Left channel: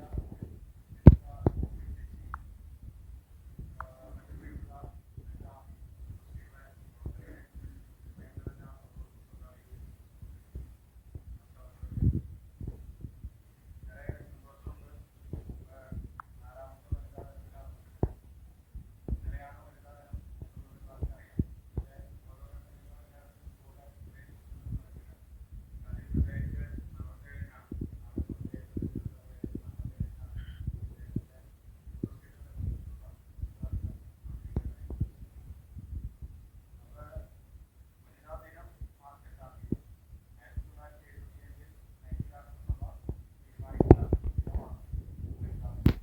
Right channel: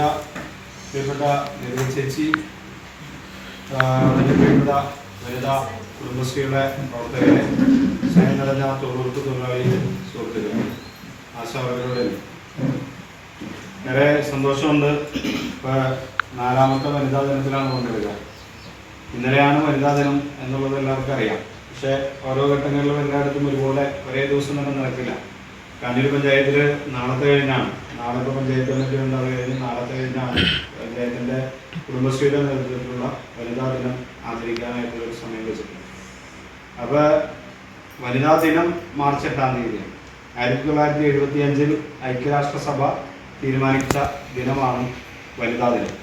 പ്രിയപ്പെട്ട ചേച്ചി, പ്രിയപ്പെട്ട വനിതാ കുടുംബശ്രീയുടെ പ്രവർത്തകരെ, സ്നേഹം നിറഞ്ഞ തൊഴിലാളി സുഹൃത്തുക്കളെ, ആശാവർക്കരുടെ ഏറെ സന്തോഷമുണ്ട്. ഇപ്പോൾ 4ാമത്തെ വനിതാ ദിനത്തിലാണ് കൊണ്ടുവരിക. ഇന്നലെയാണ് വനിതാ ദിനം എന്നുള്ളത് എല്ലാവർക്കും അറിയാം. പക്ഷേ ഓരോ ഘട്ടങ്ങളിലും എല്ലായിടത്തും ഒരുപോലെ ഒരേ ദിവസം തന്നെ നടക്കില്ല. കണ്ണൂർ പഞ്ചായത്തിൽ നാളത്തെ കഴിഞ്ഞാണ്, നാളത്തെ പഞ്ചായത്ത് കമ്മിറ്റി ഉണ്ടാവുക കഴിഞ്ഞ് നാളത്തെ കഴിഞ്ഞാണ് പഞ്ചായത്തിൻ്റെ കുടുംബശ്രീയുടെ നേതൃത്വത്തിലുള്ള വനിതാ ദിനം ആചരിക്കാനായിട്ടുള്ളൊരു സമയം വെച്ചിട്ടുണ്ട്. അപ്പോൾ വനിതാ ദിനം മാർച്ച് 8-ാം തീയതി 1975 ഐക്യരാഷ്ട്രസഭ തീരുമാനിച്ച ദിനമാണ് വനിതാ ദിനം.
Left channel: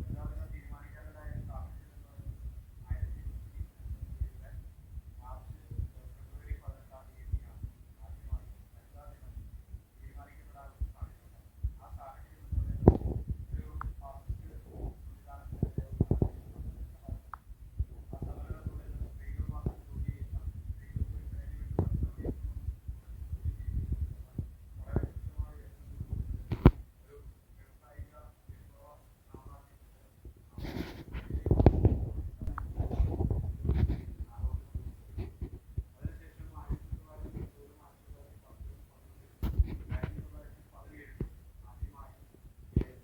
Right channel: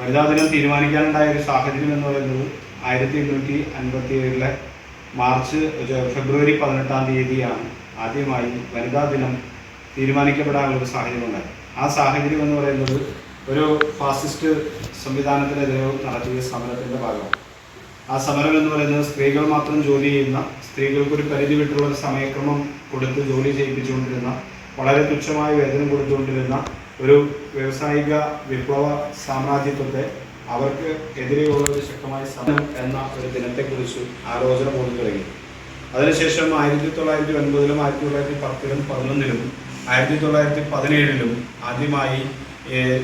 വനിതാ ദിനം തീരുമാനിക്കാനുണ്ടായ ഒരു സാഹചര്യം എന്ന് പറയുന്നത് 1857 ഫെബ്രുവരി 18-ാം തീയതിയാണ് ആദ്യമായി വനിതാ ദിനം തീരുമാനിക്കപ്പെടാനുള്ളൊരു സാഹചര്യം ഉണ്ടായി. ആ സാഹചര്യം എന്ന് പറയുന്നത് ഒരു ഫാസിസ്റ്റ് സംവിധാനത്തിനെതിരെ നടത്തിയ സമരത്തിൻ്റെ ഭാഗമാണ്. ആ സമരം എന്ന് പറയുന്നത് സ്ത്രീകൾ മാത്രം ജോലി ചെയ്യുന്ന, സ്ത്രീകൾക്കൊരു പരിധി വിട്ടുള്ള ഒരു സമയക്രമം കൊടുത്ത് ജോലി ചെയ്യിപ്പിച്ചുകൊണ്ടിരുന്ന, വളരെ തുച്ഛമായ വേതനം കൊടുത്തുകൊണ്ടിരുന്ന ഒരു വ്യാവസായിക വിപ്ലവ സാമ്രാജ്യത്വത്തെ അവർക്ക് എതിരെയുള്ള ഒരു ശക്തമായ സമരം എന്ന ഒരു ദിനത്തെക്കുറിച്ച് ആലോചന പോലും തുടങ്ങി. അതിനുശേഷം 1909-ലും 1910-ലും 11-ലും 1917-ലും ആദ്യമായി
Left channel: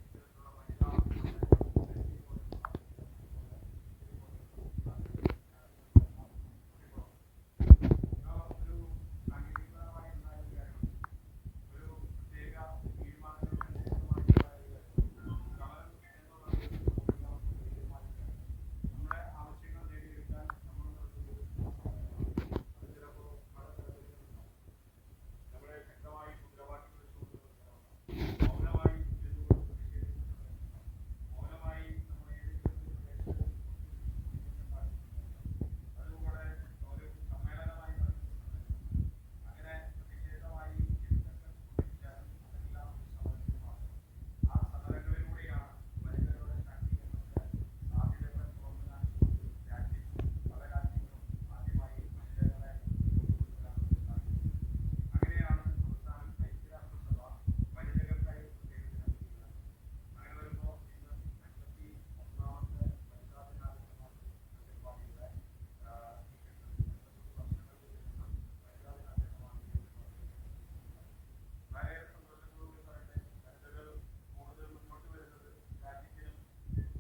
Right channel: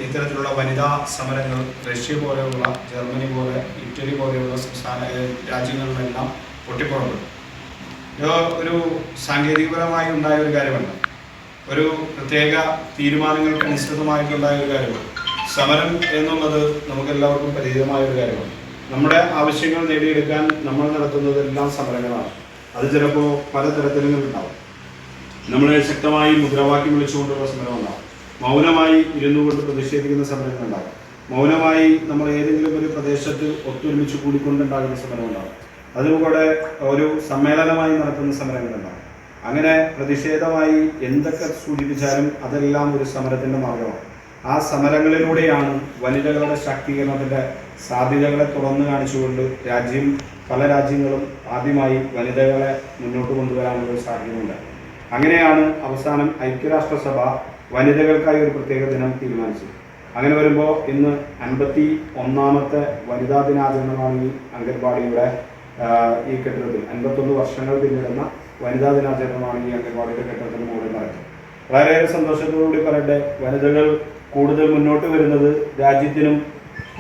ഇത്തരത്തിലുള്ള വനിതാ സമരങ്ങൾ റഷ്യ പോലെയുള്ള, ജർമ്മനി പോലെ, ഇറ്റലി പോലെയുള്ള രാജ്യങ്ങളിലെല്ലാം പൊട്ടിപ്പുറപ്പെട്ടു. ഒരു സാങ്കേതികപരമായി ഉണ്ടായ ഒരു കാര്യമല്ല, ഒരു പ്രത്യേക തീരുമാനങ്ങൾക്ക് അനുസൃതമായിട്ടുണ്ടായ ഒരു കാര്യമാണ്. സമരം എന്നുള്ളത് നമുക്കെല്ലാവർക്കും പരിചിതമായ ഒരു കാര്യമാണ്. നമ്മുടെ ആവശ്യങ്ങൾ നേടിയെടുക്കാൻ നമ്മൾ നടത്തുന്നതെല്ലാം സമരങ്ങളാണ്. അത് ചിലപ്പോൾ പലതരത്തിലും ഉണ്ടാവും. നമ്മൾ ശക്തമായി മുദ്രാവാക്യം വിളിച്ചുകൊണ്ടുള്ള സമരം ഉണ്ടാവും, മൗനമായി ഇരുന്നു കൊണ്ട് പ്രതിഷേധിക്കുന്ന സമരങ്ങൾ ഉണ്ടാകും, മൗനമായി നമ്മൾ ഏതെങ്കിലും ഒരു പ്രദേശത്ത് ഒത്തൊരുമിച്ച് കൂടിക്കൊണ്ടുണ്ടാകുന്ന സമരം ഉണ്ടാകും, അതിലൂടെ ഒരു സമ്മേളനമായി നടത്തുന്ന സമരങ്ങളുണ്ടാകും. അങ്ങനെ പ്രതിഷേധമായി എന്തൊക്കെ സൂചിപ്പിച്ചാലും അതെല്ലാം ഒരു സമരത്തിൻ്റെ മാർഗമാണ്. ആ സമരങ്ങളിലൂടെയാണ് വനിതകളുടെ ശാക്തീകരണത്തിൻ്റെ സാധ്യതകളെ തുറന്നു കാണിച്ചുകൊണ്ട് പല രാജ്യങ്ങളും ആദ്യമായി വനിതകളെ മുന്നോട്ട് കൊണ്ടുവരാനുള്ള ഒരു സാഹചര്യമുണ്ടായി. അങ്ങനെയാണ് അവസാനം ഐക്യരാഷ്ട്രസഭ വനിതകൾക്കായി ഒരു പ്രത്യേക ദിനം തീരുമാനിച്ചത്. അങ്ങനെ വരുമ്പോൾ ഇന്ന് 51ാമത്തെ വനിതാ ദിനാചരണമാണ് ഈ അംഗൻവാടിയുടെ ഈ കെട്ടിടത്തിൽ 51 വർഷങ്ങൾ പിന്നിടുന്ന വനിതാ ദിനാചരണമാണ് ഈ അംഗൻവാടിയുടെ കെട്ടിടത്തിന് മുകളിൽ നടക്കുന്നത്. വളരെയേറെ സന്തോഷത്തോടുകൂടി പറയട്ടെ, വനിതകൾ കൂടുതൽ മുന്നോട്ട് വരുന്നത് രാജ്യത്തിനും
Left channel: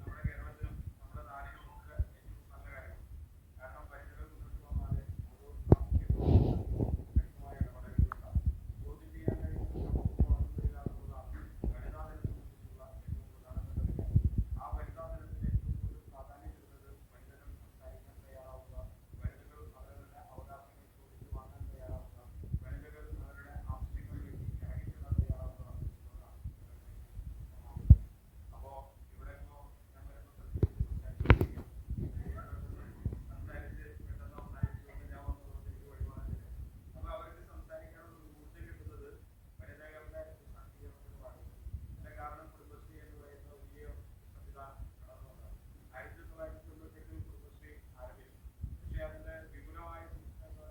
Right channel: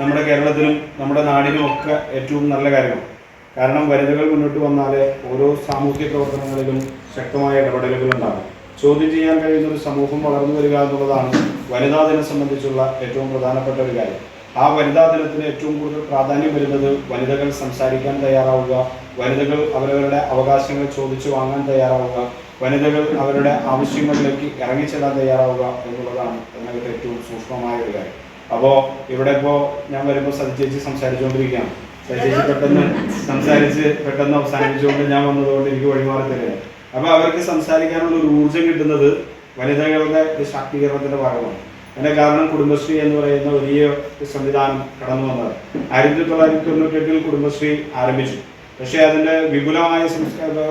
നമ്മുടെ കേരളത്തിനും നമ്മുടെ നാടിനും ഒക്കെ ഏറ്റവും നല്ല കാര്യമാണ്. കാരണം വനിതകൾ മുന്നോട്ട് വന്നാലേ ഓരോ സാമൂഹ്യ പ്രവർത്തനങ്ങളിലും ശക്തമായ ഇടപെടലുകൾ ഉണ്ടാകും. ചോദ്യം ചെയ്യാൻ കഴിയുന്ന ഒരു സമൂഹം വളർന്നു വരിക എന്നുള്ളതാണ് വനിതാ ദിനം സംബന്ധിച്ചുള്ള ഏറ്റവും പ്രധാനപ്പെട്ട ഒരു കാര്യം. ആ വനിതാ ദിനത്തിന് ഏറ്റവും കൂടുതൽ പ്രാധാന്യം വരുന്നത് വനിതകൾ സംസാരിക്കാൻ തയ്യാറാവുക, വനിതകൾ അവരവരുടെ അവകാശങ്ങൾ ചോദിച്ചു വാങ്ങാൻ തയ്യാറാവുക, വനിതകൾ അവരുടെ ആവശ്യങ്ങളിലേക്ക് ഇറങ്ങിച്ചെല്ലാൻ തയ്യാറാവുക എന്നുള്ളതാണ് അതിനകത്ത് ഏറ്റവും സൂക്ഷ്മമായ ഒരു കാര്യം. അപ്പോൾ ഇവിടെ ഞാൻ വരുമ്പോൾ സജിച്ചേച്ചി സംസാരിച്ചുകൊണ്ടിരിക്കുകയാണ്. സജിച്ചേച്ചി പെട്ടെന്ന് അവസാനിപ്പിച്ചുകൊണ്ട് ഞാൻ വന്നതുകൊണ്ട് എനിക്ക് വഴിമാറി തരികയാണ്. അപ്പോൾ അവർക്ക് സംസാരിക്കാനുള്ള ഒരു ഊർജ്ജം കിട്ടുന്നത് വനിതകളുടെ ശാക്തീകരണത്തിൻ്റെ ഭാഗമാണ്. അതിൻ്റെ കാരണം കുടുംബശ്രീ എന്ന് പറയുന്ന വലിയ സംവിധാനം കടന്നു വന്നത് 1998-ൽ കുടുംബശ്രീ ആരംഭിച്ചു. പക്ഷേ അതിൻ്റെ വിപുലമായ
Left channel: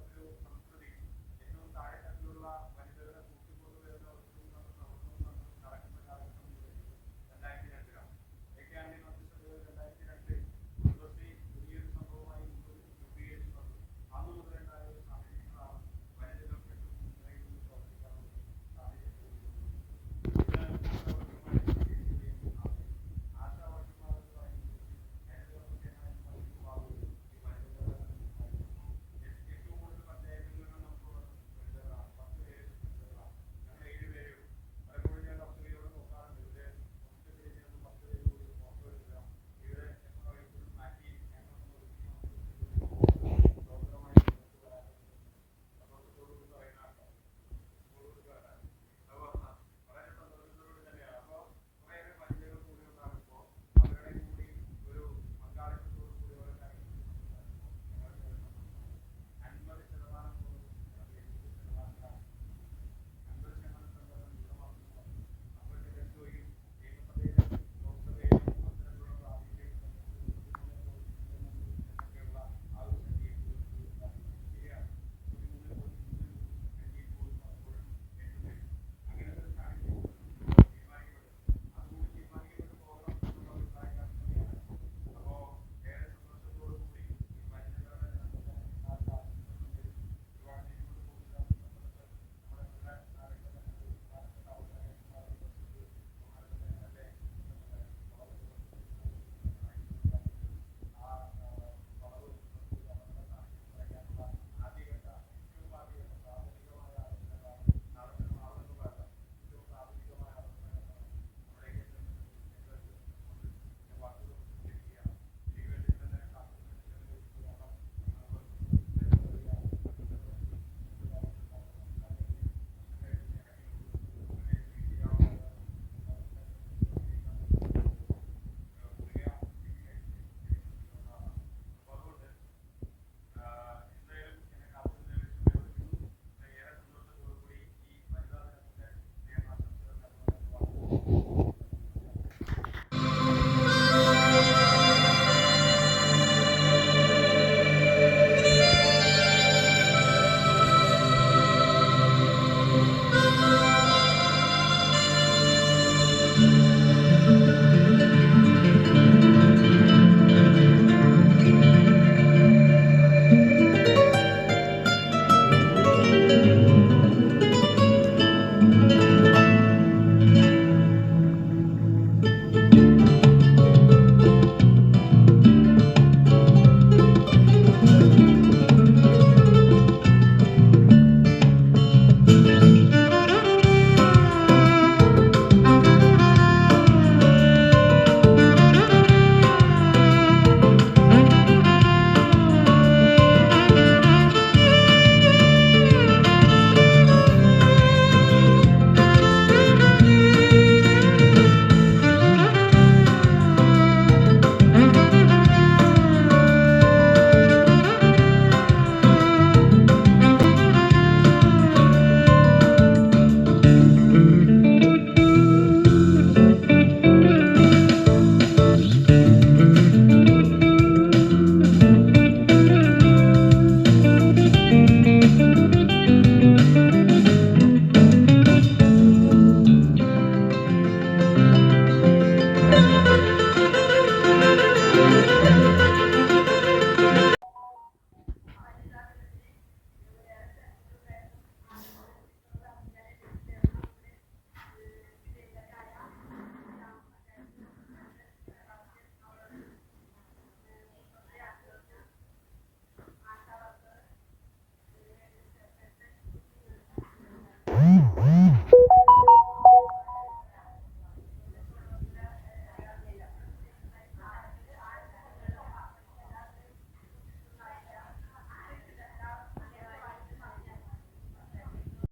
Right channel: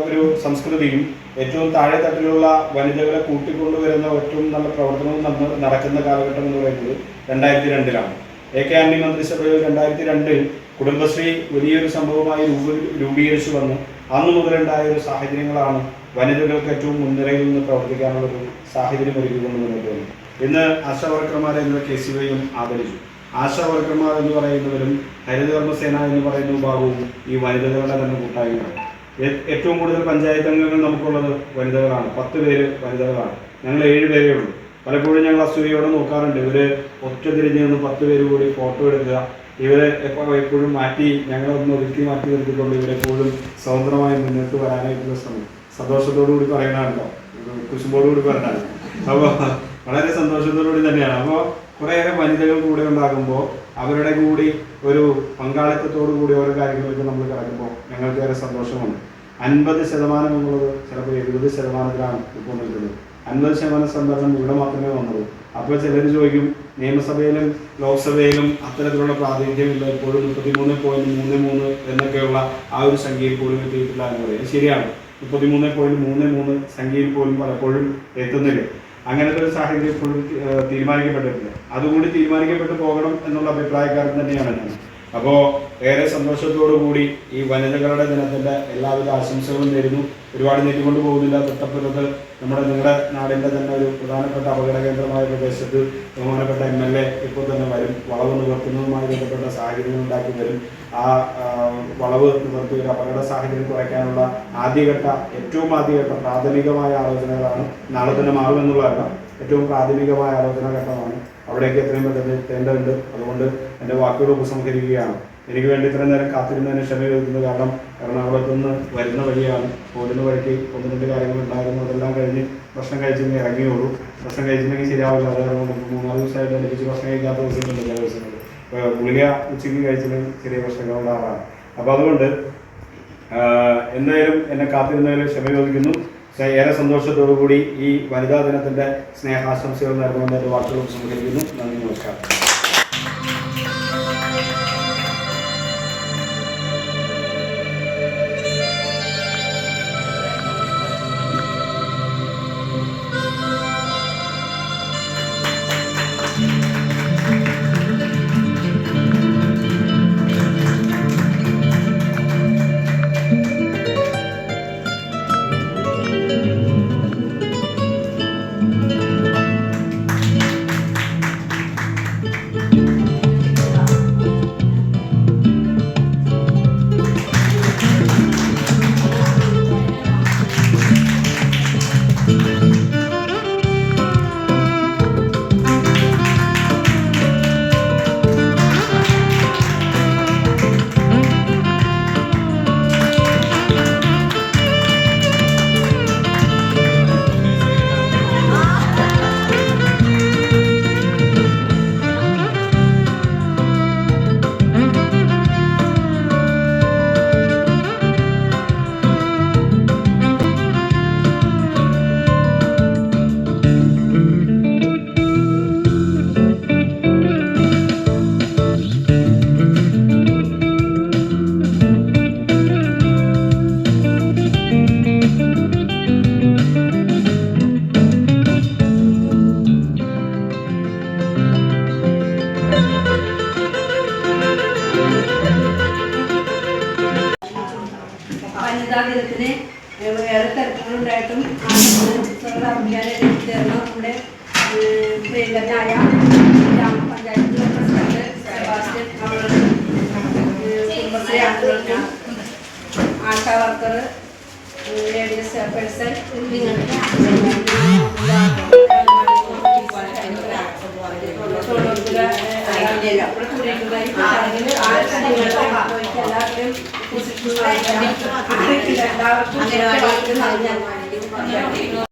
ഒരു സംസ്കൃതിയും ഏറ്റവും താഴെ തട്ടിലുള്ള വനിതകളെ കൂട്ടിക്കൊണ്ടുവരുന്ന ഏറ്റവും നല്ല പ്രവർത്തനവും നടക്കുന്ന കാലഘട്ടം എന്ന് പറയുന്നത് 2002-ലാണ്. AK ആന്റണി മന്ത്രിസഭയിൽ 2002-ൽ കുടുംബശ്രീ വലിയൊരു സംഭവമായി രൂപീകരിച്ചു വന്ന് അന്നു മുതലുണ്ടായ ഒരു സാഹചര്യങ്ങളാണ് വനിതകൾക്ക് ഏറ്റവും മുൻനിരയിൽ നിന്ന് പ്രവർത്തിക്കാനുള്ളൊരു സാഹചര്യം ഒരുക്കിക്കൊണ്ട് മുന്നോട്ട് വന്നു. ഇന്ന് ആശാവർക്കർമാരെ എന്നിവ KCYയും ആദരിച്ചു. ആശാവർക്കർമാർ എന്ന് പറയുന്നവരും ഹരിതകർമ്മസേന എന്ന് പറയുന്ന വിഭാഗവും ഈ വനിതകളുടെ തന്നെ കൂട്ടായ്മയാണ്. ഏറ്റവും കൂടുതൽ പഞ്ചായത്ത് അംഗങ്ങൾ നമുക്കുള്ളത് വനിതകളാണ്. 10 പേര് വനിതകളാണ്. ഞങ്ങൾ 7 പേരേ ഉള്ളൂ. പലപ്പോഴും ഞങ്ങൾ അസൂയയോടെ നോക്കാറുണ്ട്. ഇവർ ഒറ്റ തിരിഞ്ഞ് നിന്ന് 10 പേര് കൂടി ഫോട്ടോ എടുക്കുക, ഇവരെ എപ്പോഴും ഞങ്ങളൊന്ന് ഒതുക്കി മാറ്റി നിർത്തിക്കൊണ്ട് ഇവരെപ്പോഴും സ്വതന്ത്രമായി മുന്നോട്ട് വരാനായിട്ടുള്ള സന്തോഷത്തോടു കൂടി പറയണമല്ലോ, കുശുമ്പോടുകൂടി പറയണമല്ലോ. അപ്പോൾ വളരെ സന്തോഷത്തോടുകൂടി തന്നെയാണ്. അപ്പോൾ കുറേയേറെ വനിതകൾ കൂടെ ഉണ്ടാകുമ്പോൾ അവരുടെ കൂടി ഒരു പങ്കാളിത്തത്തോടു കൂടി ഓരോ കാര്യങ്ങളിലേക്ക് നമ്മൾ കിടക്കുമ്പോൾ ഞങ്ങൾക്ക് ഏറെ സന്തോഷമുണ്ട്. 50% എന്നുള്ളത് ചിലപ്പോൾ 70%-ലാണ് ഇപ്പോൾ നിൽക്കുന്നത്. 50% സംവരണം ഇവിടെ മാത്രമേ വന്നുള്ളൂ. അപ്പോൾ ചിലർ ചോദിക്കും, നിയമസഭയിലും ലോക്സഭയിലും അത്തരത്തിലുള്ള പ്രാതിനിധ്യമില്ല, ഇപ്പോഴും 33.33 എന്നൊക്കെയുള്ള ആ ഒരു സംഖ്യയിൽ പോലും എത്തിയിട്ടില്ല എന്ന് പറയുന്നത് ശരിയാണ്. 33.33 സംഖ്യയിൽ പോലും പലപ്പോഴും എത്തുന്നില്ല. അങ്ങനത്തെ ഒരു സാഹചര്യം ഇപ്പോഴും തീരുമാനിക്കപ്പെട്ടിട്ടില്ല. അതുകൂടി തീരുമാനിക്കപ്പെട്ടു പോകണം എന്നുള്ള അഭിപ്രായക്കാരൻ തന്നെയാണ് ഞാൻ. അപ്പോൾ ഏറെ സന്തോഷത്തോടു കൂടി ഈ വനിതകളുടെ ദിനത്തിൻ്റെ എല്ലാവിധ ആശംസകളും നേരുന്നു. ഒരുപാട് നീട്ടിക്കൊണ്ട് പോകുന്നില്ല. തൊട്ടപ്പുറത്ത് നിങ്ങളുടെ നാടിൻ്റെ തന്നെ ഒരു പ്രധാനപ്പെട്ട അപകട കേന്ദ്രമായ പ്രദേശത്ത് ബഹുമാനപ്പെട്ട MLA ഇപ്പോൾ തന്നെ വരും. വളവ് നിവർത്തുന്നതുമായി ബന്ധപ്പെട്ട സാഹചര്യങ്ങൾ ഉണ്ടാക്കി വരും. ആ വളവ് നിവർത്തി ഒരു അപകട സാഹചര്യം കുറയ്ക്കാനുള്ള ഏറ്റവും ആദ്യഘട്ട പ്രാഥമികമായ ആലോചനകളാണ്. നാളെ തന്നെ മാറുമെന്നുള്ളതല്ല, ഏറ്റവും പ്രാഥമികമായ ആലോചനാ ഘട്ടമാണ്. അവിടേക്ക് എത്രയും പെട്ടെന്ന് എത്തേണ്ടതുണ്ട്. അതുകൊണ്ട് എൻ്റെ വാക്കുകൾ ഉപസംഹരിക്കുകയാണ്. എനിക്ക് വേണ്ടി ഇത്രയും നേരം കാത്തിരുന്നതിന് ക്ഷമ ചോദിക്കുന്നത് കാരണം എറണാകുളത്ത് നിന്ന് വരുന്ന വഴിയാണ്. പോരുന്ന വഴിക്ക് 1-2 കാര്യങ്ങളുണ്ടായിരുന്നു. അതെല്ലാം കഴിഞ്ഞ് ഭക്ഷണം കഴിച്ചെങ്കിൽ ഇറങ്ങിയുള്ളൂ. ഭക്ഷണം കഴിച്ചിട്ടുണ്ടെങ്കിൽ ശരിയാവില്ല. അത് കാരണം 3-4 ദിവസമായിട്ട് എനിക്ക് ഭക്ഷണം കഴിക്കാത്ത ദിവസങ്ങളുണ്ട്. ചില ദിവസങ്ങൾ ഗുളിക ഉച്ചയ്ക്ക് കഴിച്ചിട്ടുണ്ടെങ്കിൽ ചെറിയ പ്രശ്നങ്ങൾ ഉണ്ടാകാറാണ്. അപ്പോൾ അതുകൊണ്ട് എന്തായാലും എന്നെ കാത്തിരുന്നതിൽ ക്ഷമ ചോദിക്കുന്നു. ഏറെ സന്തോഷത്തോടു കൂടി ഈ വനിതാ ദിനത്തിൻ്റെ സ്നേഹാശംസകൾ നൽകുമെന്ന് എൻ്റെ വാക്കുകൾ ഉപസംഹരിക്കുന്നു. നന്ദി, നമസ്കാരം. ദിനത്തിന് ഏറെ തിരക്കുകളുണ്ടായിട്ടും നമ്മുടെ പ്രിയങ്കരനായ ഗ്രാമപഞ്ചായത്ത് പ്രസിഡന്റ് സെബാസ്റ്റ്യൻ അവരുടെ കുടുംബശ്രീ അംഗങ്ങൾക്ക് ആശാ വർക്കർ ലേഡീസ് ചെയർപേഴ്സൺ എല്ലാവർക്കും